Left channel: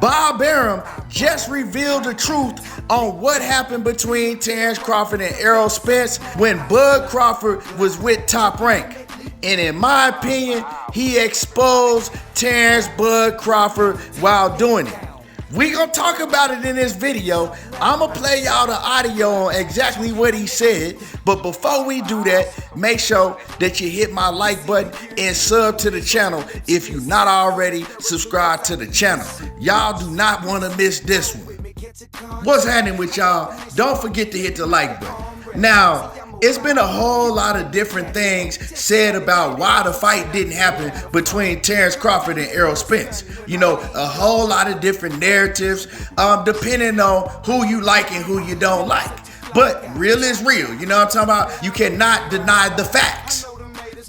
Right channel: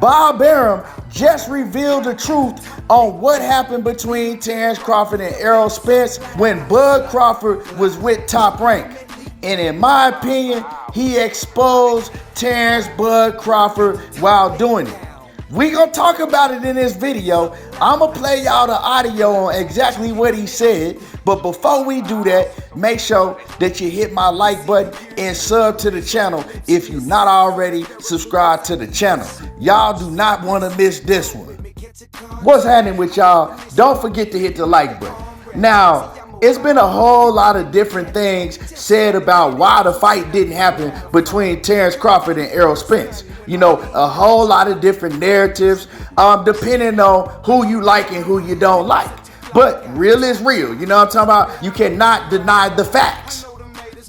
Bob Arum just revealed the truth on what happened between Terence Crawford and Errol Spence when Bud Crawford was with Top Rank. And in my opinion, he exposed Terence Bud Crawford while doing it. We gonna talk about it in this video. I'ma play y'all the audio on exactly what he said. But before we do that, make sure that you hit my like button and sub to the channel if you're not already subscribed to the channel. Y'all do not want to miss this one. What's happening with y'all? Don't forget to hit the like button. Now, it's been a whole lot of different things said about why the fight didn't happen between Terence Crawford and Errol Spence. You know, a whole lot of different narratives, depending on who you like and who you don't like. But real is real. You know what I'm talking about? You cannot deny the facts,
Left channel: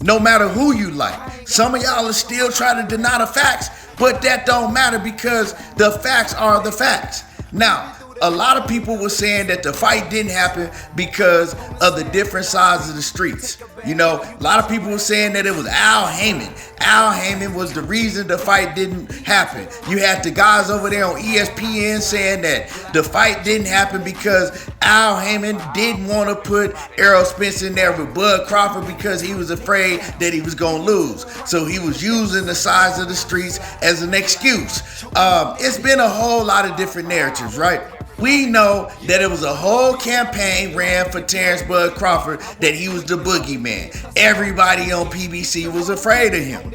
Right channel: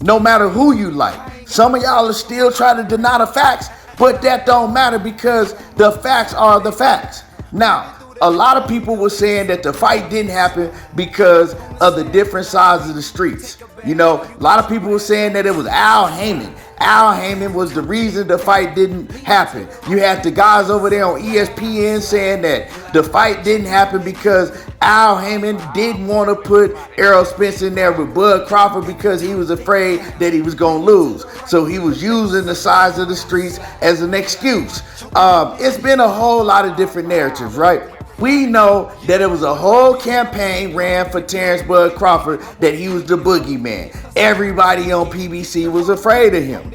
no matter who you like. Some of y'all are still trying to deny the facts, but that don't matter because the facts are the facts. Now, a lot of people were saying that the fight didn't happen because of the different sides of the streets. You know, a lot of people were saying that it was Al Heyman. Al Heyman was the reason the fight didn't happen. You had the guys over there on ESPN saying that the fight didn't happen because Al Heyman didn't want to put Errol Spence in there with Bud Crawford because he was afraid that he was going to lose. So he was using the size of the streets as an excuse. It's been a whole lot of different narratives, right? We know that it was a whole campaign ran for Terence Bud Crawford that he was the boogeyman. Everybody on PBC was afraid of him,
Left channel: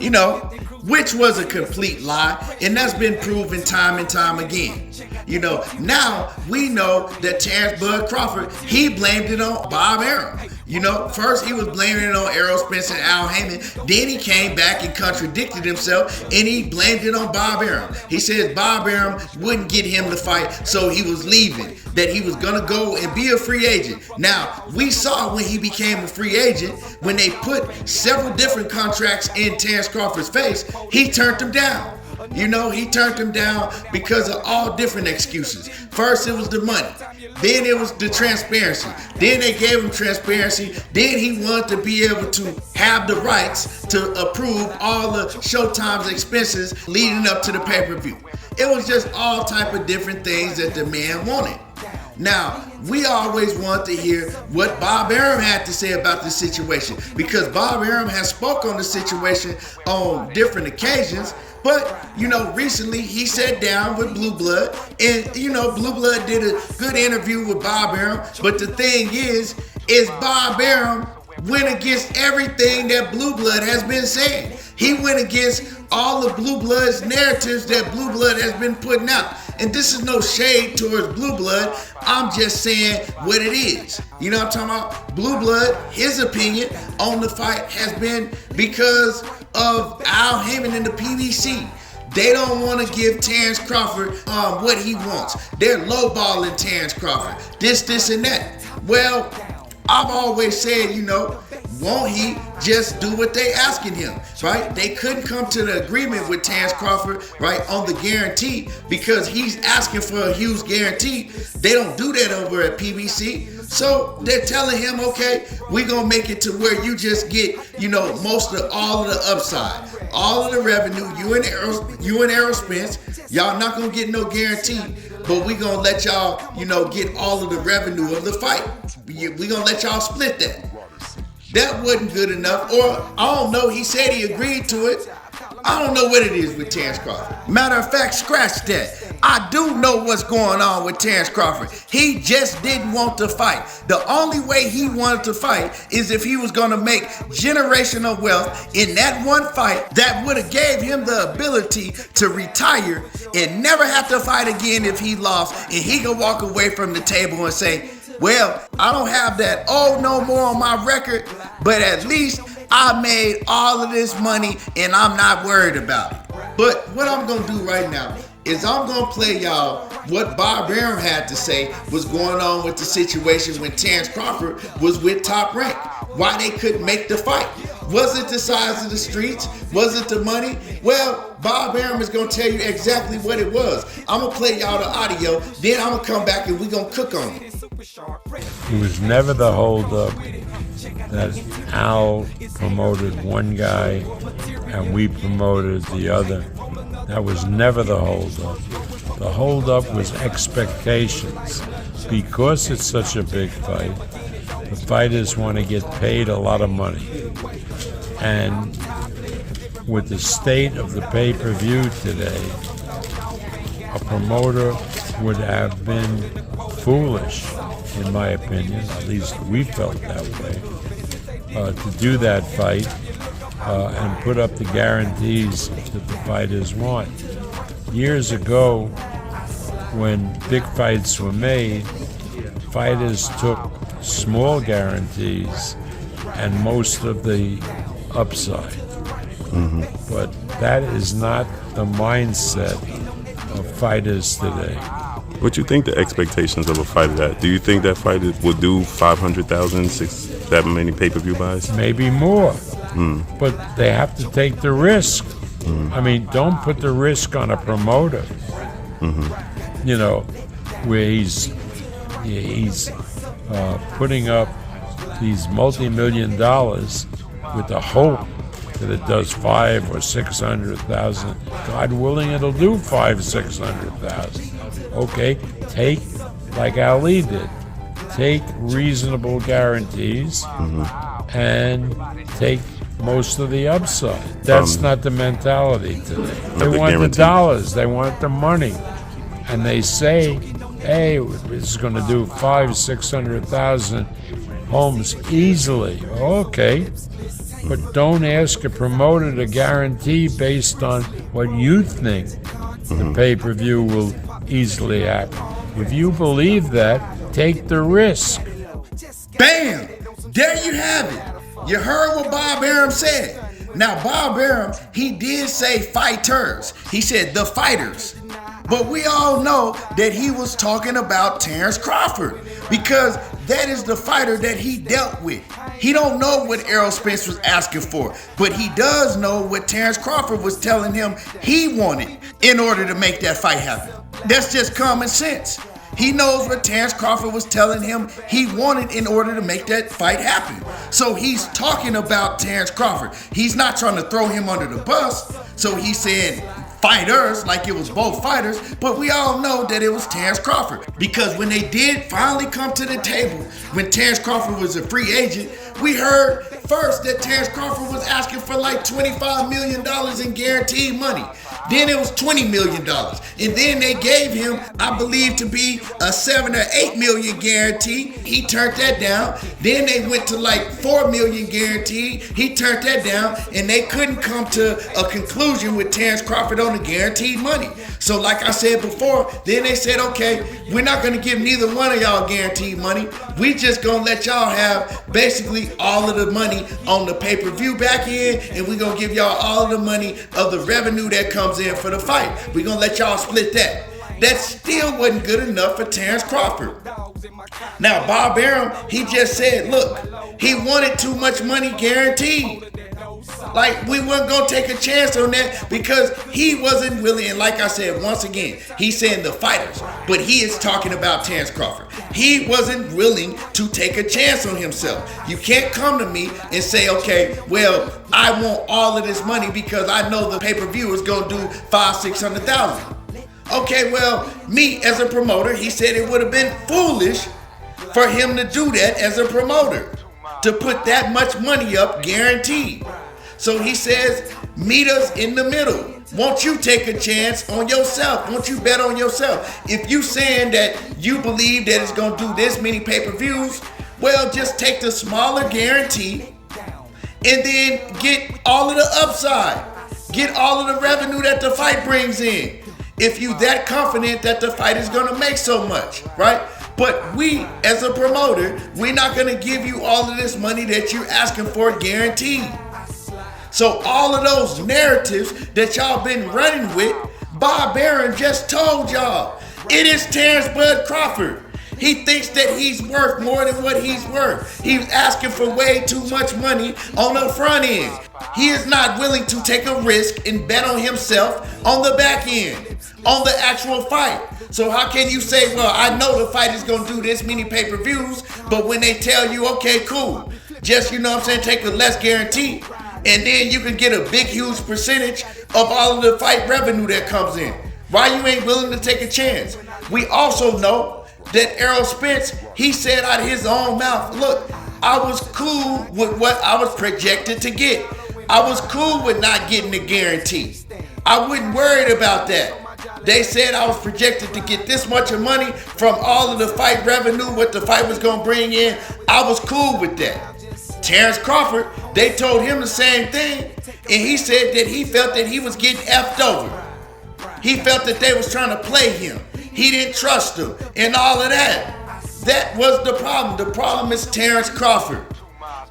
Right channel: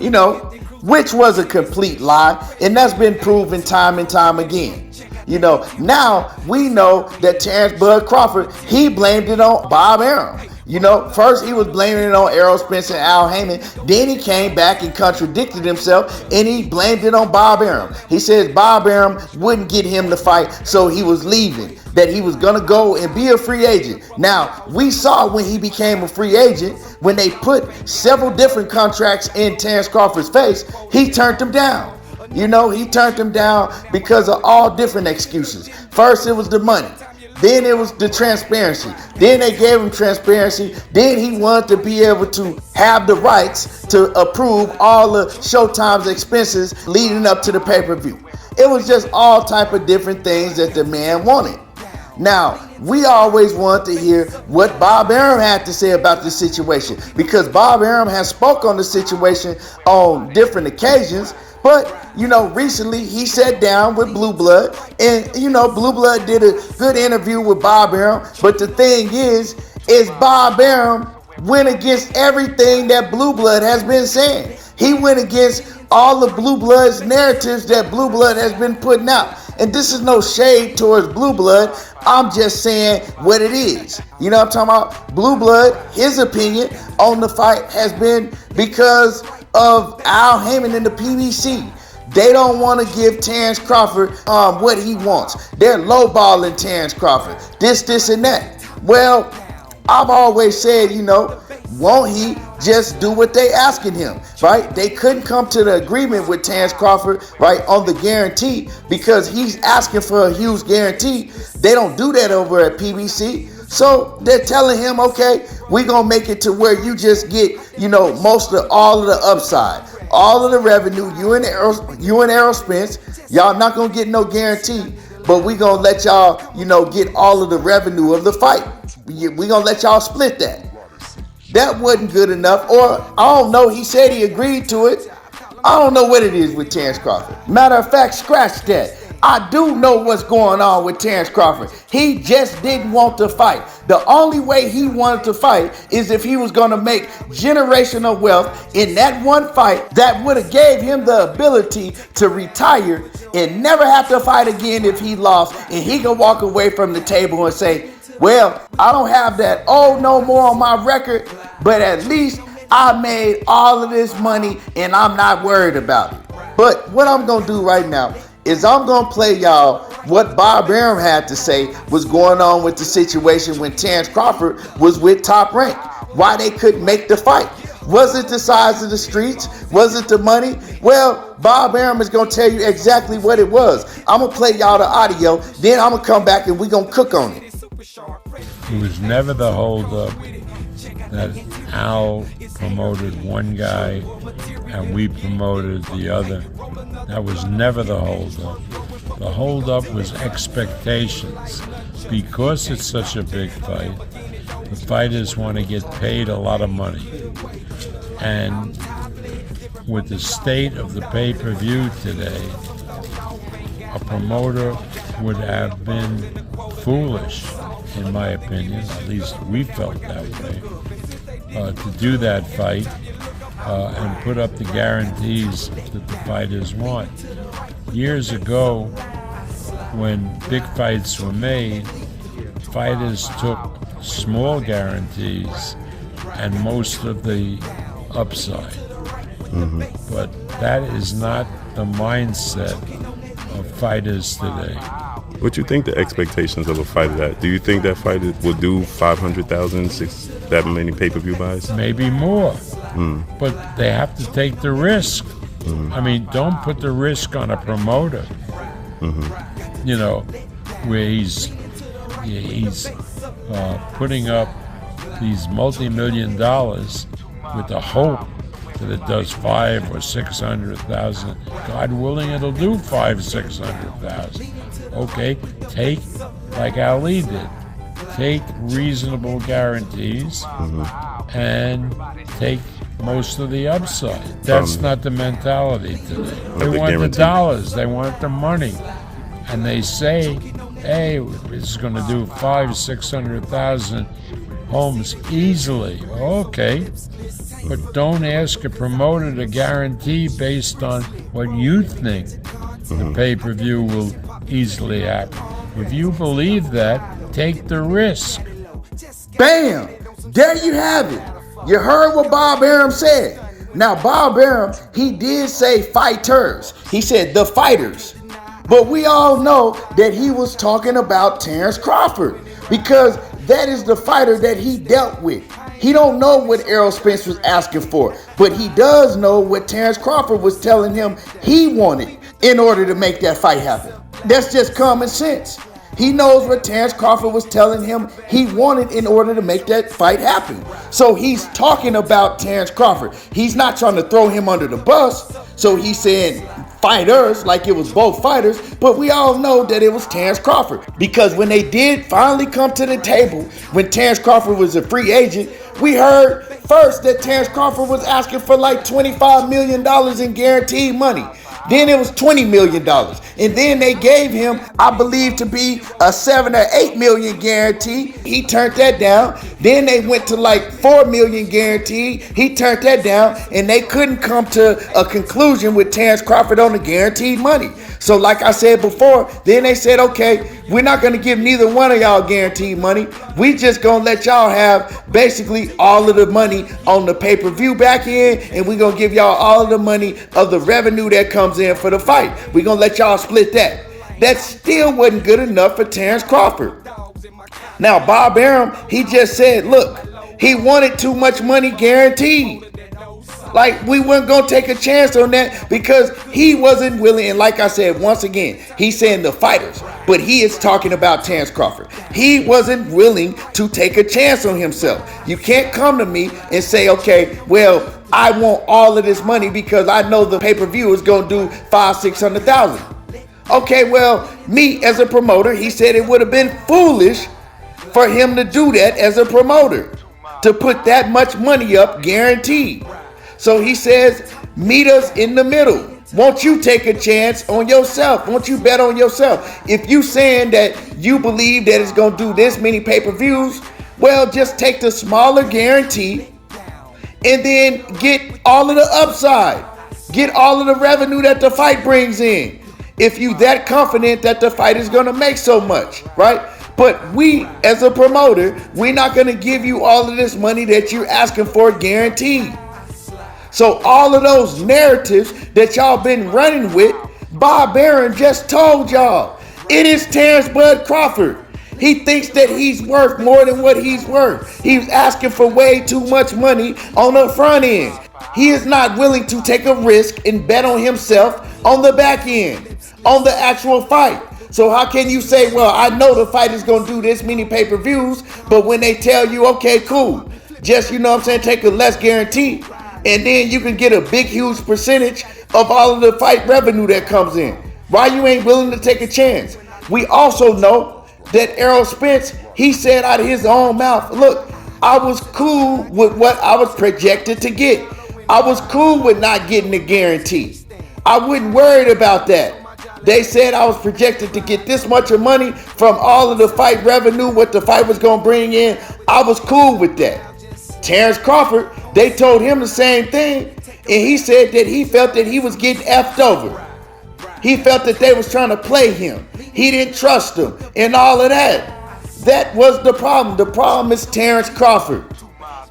you know, which was a complete lie, and that's been proven time and time again. You know, now we know that Terence Bud Crawford, he blamed it on Bob Arum. You know, first he was blaming it on Errol Spence and Al Heyman. Then he came back and contradicted himself and he blamed it on Bob Arum. He says Bob Arum wouldn't get him to fight, so he was leaving, that he was gonna go and be a free agent. Now, we saw when he became a free agent, when they put several different contracts in Terence Crawford's face, he turned them down. You know, he turned them down because of all different excuses. First, it was the money. Then it was the transparency. Then they gave him transparency. Then he wanted to be able to have the rights to approve all the Showtime's expenses leading up to the pay-per-view. It was just all type of different things that the man wanted. Now, we always wanted to hear what Bob Arum had to say about this situation because Bob Arum has spoke on the situation on different occasions. But, you know, recently he sat down with Blue Blood and, you know, Blue Blood did a good interview with Bob Arum. But the thing is Bob Arum went against everything that Blue Blood has been saying. He went against all the Blue Blood's narratives that Blue Blood has been putting out. And this is no shade towards Blue Blood. I'm just saying what it is. You know what I'm talking about? Blue Blood, his opinion on the fight has been because of Al Heyman and the PBC. They don't want to give Terence Crawford what he wants. They're lowballing Terence Crawford. This, and that. Well, I've always said, you know, won't he just do what they asking him, right? They couldn't come to the agreement with Terence Crawford, right, on the guarantee because he's asking for a huge guarantee. They don't do that over at PBC. So they're telling him, okay, we're going to make it to where you just get, you know, most of all of the upside, all of the revenue, you and Errol Spence, y'all not going to get no guarantee, but we're going to let y'all, you know, get all of the revenue of the fight. We're going to let y'all split that. That wasn't good enough, or I don't know, he said he agreed to it. I don't know what it is with Terence Crawford. Matter of fact, scratch that. I do know what's going on with Terence Crawford. He just didn't want to fight. The only way he wanted to fight is if he was going to make generational wealth in that one fight that would have gave him the ability to retire and never have to fight again if he lost, and he could walk away from the table and say, well, I don't have that no more on my record, but at least I made all of this money and I'm not worried about it. But what I'm going to do right now is I'm going to play y'all what Bob Arum had to say was going on with the situation when Terence Crawford was with Top Rank. Why they couldn't make the fight. Was it the size of the streets? Was it the money? Well, Bob Arum is going to tell you exactly what it was. I'm going to play y'all the audio, then I'm going to come back and we're going to cook on it. It was never the holdup that Al promoted one guy and we promoted the other. That was never the holdup. The holdup was expectations. Because it's such a big fight, the fighters want to get paid a lot of money. And with the state of the pay-per-view today, a promoter would have been foolish, in my opinion, at least we felt that way, to do that fight and put up the guarantees that the fighters want. Years ago, when big fights were made, fighters took small guarantees and most of the upside. Mm-hmm. But that is not the mindset of fighters today. What you think the expectations of a fighter at? Do you think that fighter will do 500,000, that many pay-per-view buys? Maybe more. But they have to take the risk. I mean, don't put the risk on a promoter. You know, where he's putting up these multi-million dollars with the hope that it does 500,000 or 600,000. God willing, it'll do 500,000-600,000. Okay, take like Ali did. Take reasonable guarantees and take most of the upside. That's not the mentality today. They want the dollars. They want the money. And they say, hey, this is going to do 500,000-600,000 homes easily. Okay. But don't ask a promoter to guarantee based on what you think the pay-per-view will easily happen. If you believe that, take the risk. Bam! There you have it. You heard what Bob Arum said. Now, Bob Arum, he did say fighters. He said the fighters. But we all know that he was talking about Terence Crawford because that is the fighter that he dealt with. He don't know what Errol Spence was asking for, but he does know what Terence Crawford was telling him he wanted in order to make that fight happen. That's just common sense. He knows what Terence Crawford was telling him he wanted in order to make that fight happen. So he's talking about Terence Crawford. He's not trying to throw him under the bus. So he's saying fighters like it was both fighters, but we all know that it was Terence Crawford. Because when they did finally come to the table, when Terence Crawford was a free agent, we heard first that Terence Crawford was asking for like $25 million in guaranteed money. Then it was $20 million. And then they gave him, I believe, to be a $7 or $8 million guarantee. He turned that down. Then they went to like $4 million guaranteed. He turned that down. And they couldn't come to a conclusion with Terence Crawford on the guaranteed money. So like I said before, then they said, okay, we're not going to give neither one of y'all guaranteed money. We just going to let y'all have basically all of the money on the pay-per-view back end, and we're going to give y'all all of the money of the revenue that comes in for the fight. We're going to let y'all split that. That still wasn't good enough for Terence Crawford. Now, Bob Arum, he just said, look, he wanted too much money guaranteed. Like, we weren't going to take a chance on that because he wasn't willing. And like I said, once again, he's saying the fighters, but he is talking about Terence Crawford. He wasn't willing to take a chance on himself. You can't come to me and say, okay, well, I want all of this money because I know the pay-per-view is going to do 500,000-600,000. Okay, well, me as a promoter, he said it would have been foolish for him to do that as a promoter, to put that much money up guaranteed. So he says, meet us in the middle. Won't you take a chance on yourself? Won't you bet on yourself? If you saying that you believe that it's going to do this many pay-per-views, well, just take the smaller guarantee and then get all of the upside. Get all of the revenue that the fight brings in. If you that confident that the fight is going to make so much, right? But we, as a promoter, we're not going to give you all of this money that you're asking for guaranteed. So all of those narratives that y'all been running with, Bob Arum just told y'all, it is Terence Bud Crawford. He thinks that he's worth more than what he's worth. He's asking for way too much money on the front end. He is not willing to take a risk and bet on himself on the back end, on the actual fight. So how can you say, well, I know the fight is going to do this many pay-per-views, but when they tell you, okay, cool, just, you know what I'm saying, take a less guarantee, and then you can get a big, huge percentage of all of the fight revenue that comes in? Why you ain't willing to take a chance? We also know that Errol Spence, he said out of his own mouth, look, I was cool with what I was projected to get. I was cool with not getting a guarantee. I wasn't worried about that. They said I was projected to get this much of money from all of the fight revenue, what the fight was gonna bring in. I was cool with that. Terence Crawford, they told him the same thing, and he said that he felt that he was getting effed over. He felt that they was trying to play him. He didn't trust them and all of that. That was the problem. The problem is Terence Crawford.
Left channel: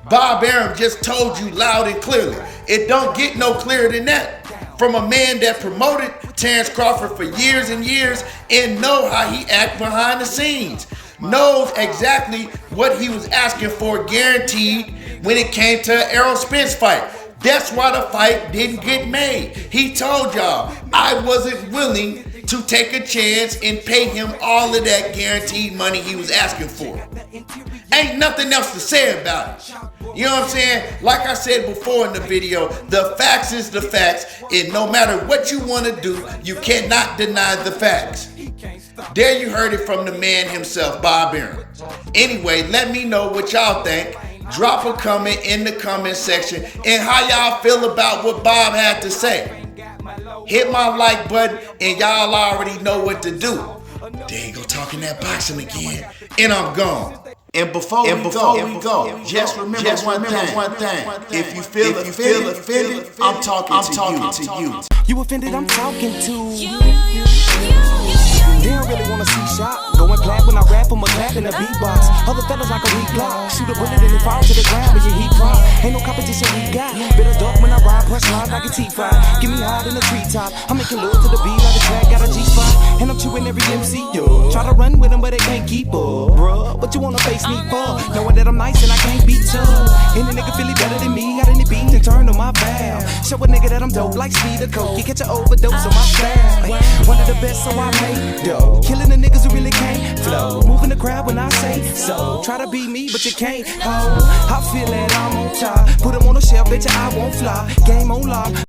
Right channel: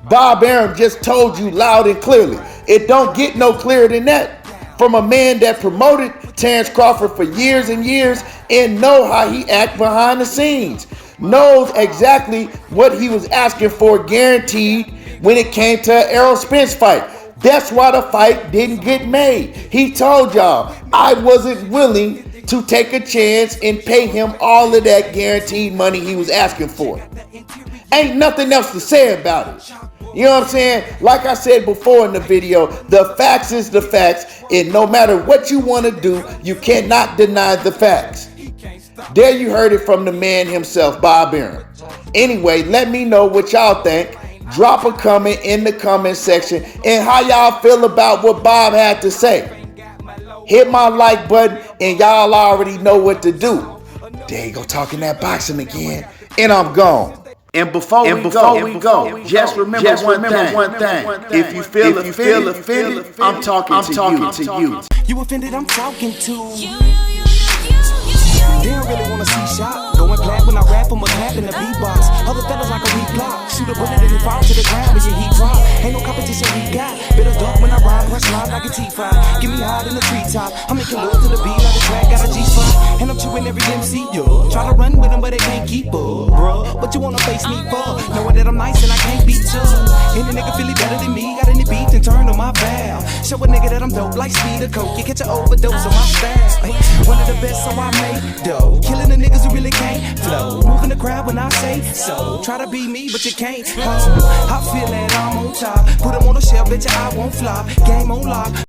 Bob Arum just told you loud and clearly. It don't get no clearer than that. From a man that promoted Terence Crawford for years and years and know how he act behind the scenes. Knows exactly what he was asking for guaranteed when it came to an Errol Spence fight. That's why the fight didn't get made. He told y'all, I wasn't willing to take a chance and pay him all of that guaranteed money he was asking for. Ain't nothing else to say about it. You know what I'm saying? Like I said before in the video, the facts is the facts, and no matter what you want to do, you cannot deny the facts. There you heard it from the man himself, Bob Arum. Anyway, let me know what y'all think. Drop a comment in the comment section and how y'all feel about what Bob had to say. Hit my like button and y'all already know what to do. There you go, talking that boxing again, and I'm gone. And before we go, just remember one thing. If you feel offended, I'm talking to you. You offended, I'm talking to. They don't really wanna see shot. Going plat when I rap, I'm a clap in the beatbox. Other fellas like a weak block. Shoot a bullet and it fall to the ground when your heat drop. Ain't no competition we got. Bitter dark when I ride, press lines like a T5. Give me high in the treetop. I'm making love to the beat like the track got a G-spot. And I'm chewing every MC, yo. Try to run with them, but they can't keep up, bruh. What you wanna face me for? Knowing that I'm nice and I can't beat you. Any nigga feel better than me. Got any beat and turn on my valve. Show a nigga that I'm dope like speed or coke. You catch an overdose on my style. One of the best, so I made dope. Killing the niggas who really can't flow. Moving the crowd when I say so. Try to be me, but you can't. I feel that I'm on top. Put them on the shelf, bet you I won't flop. Game on lock.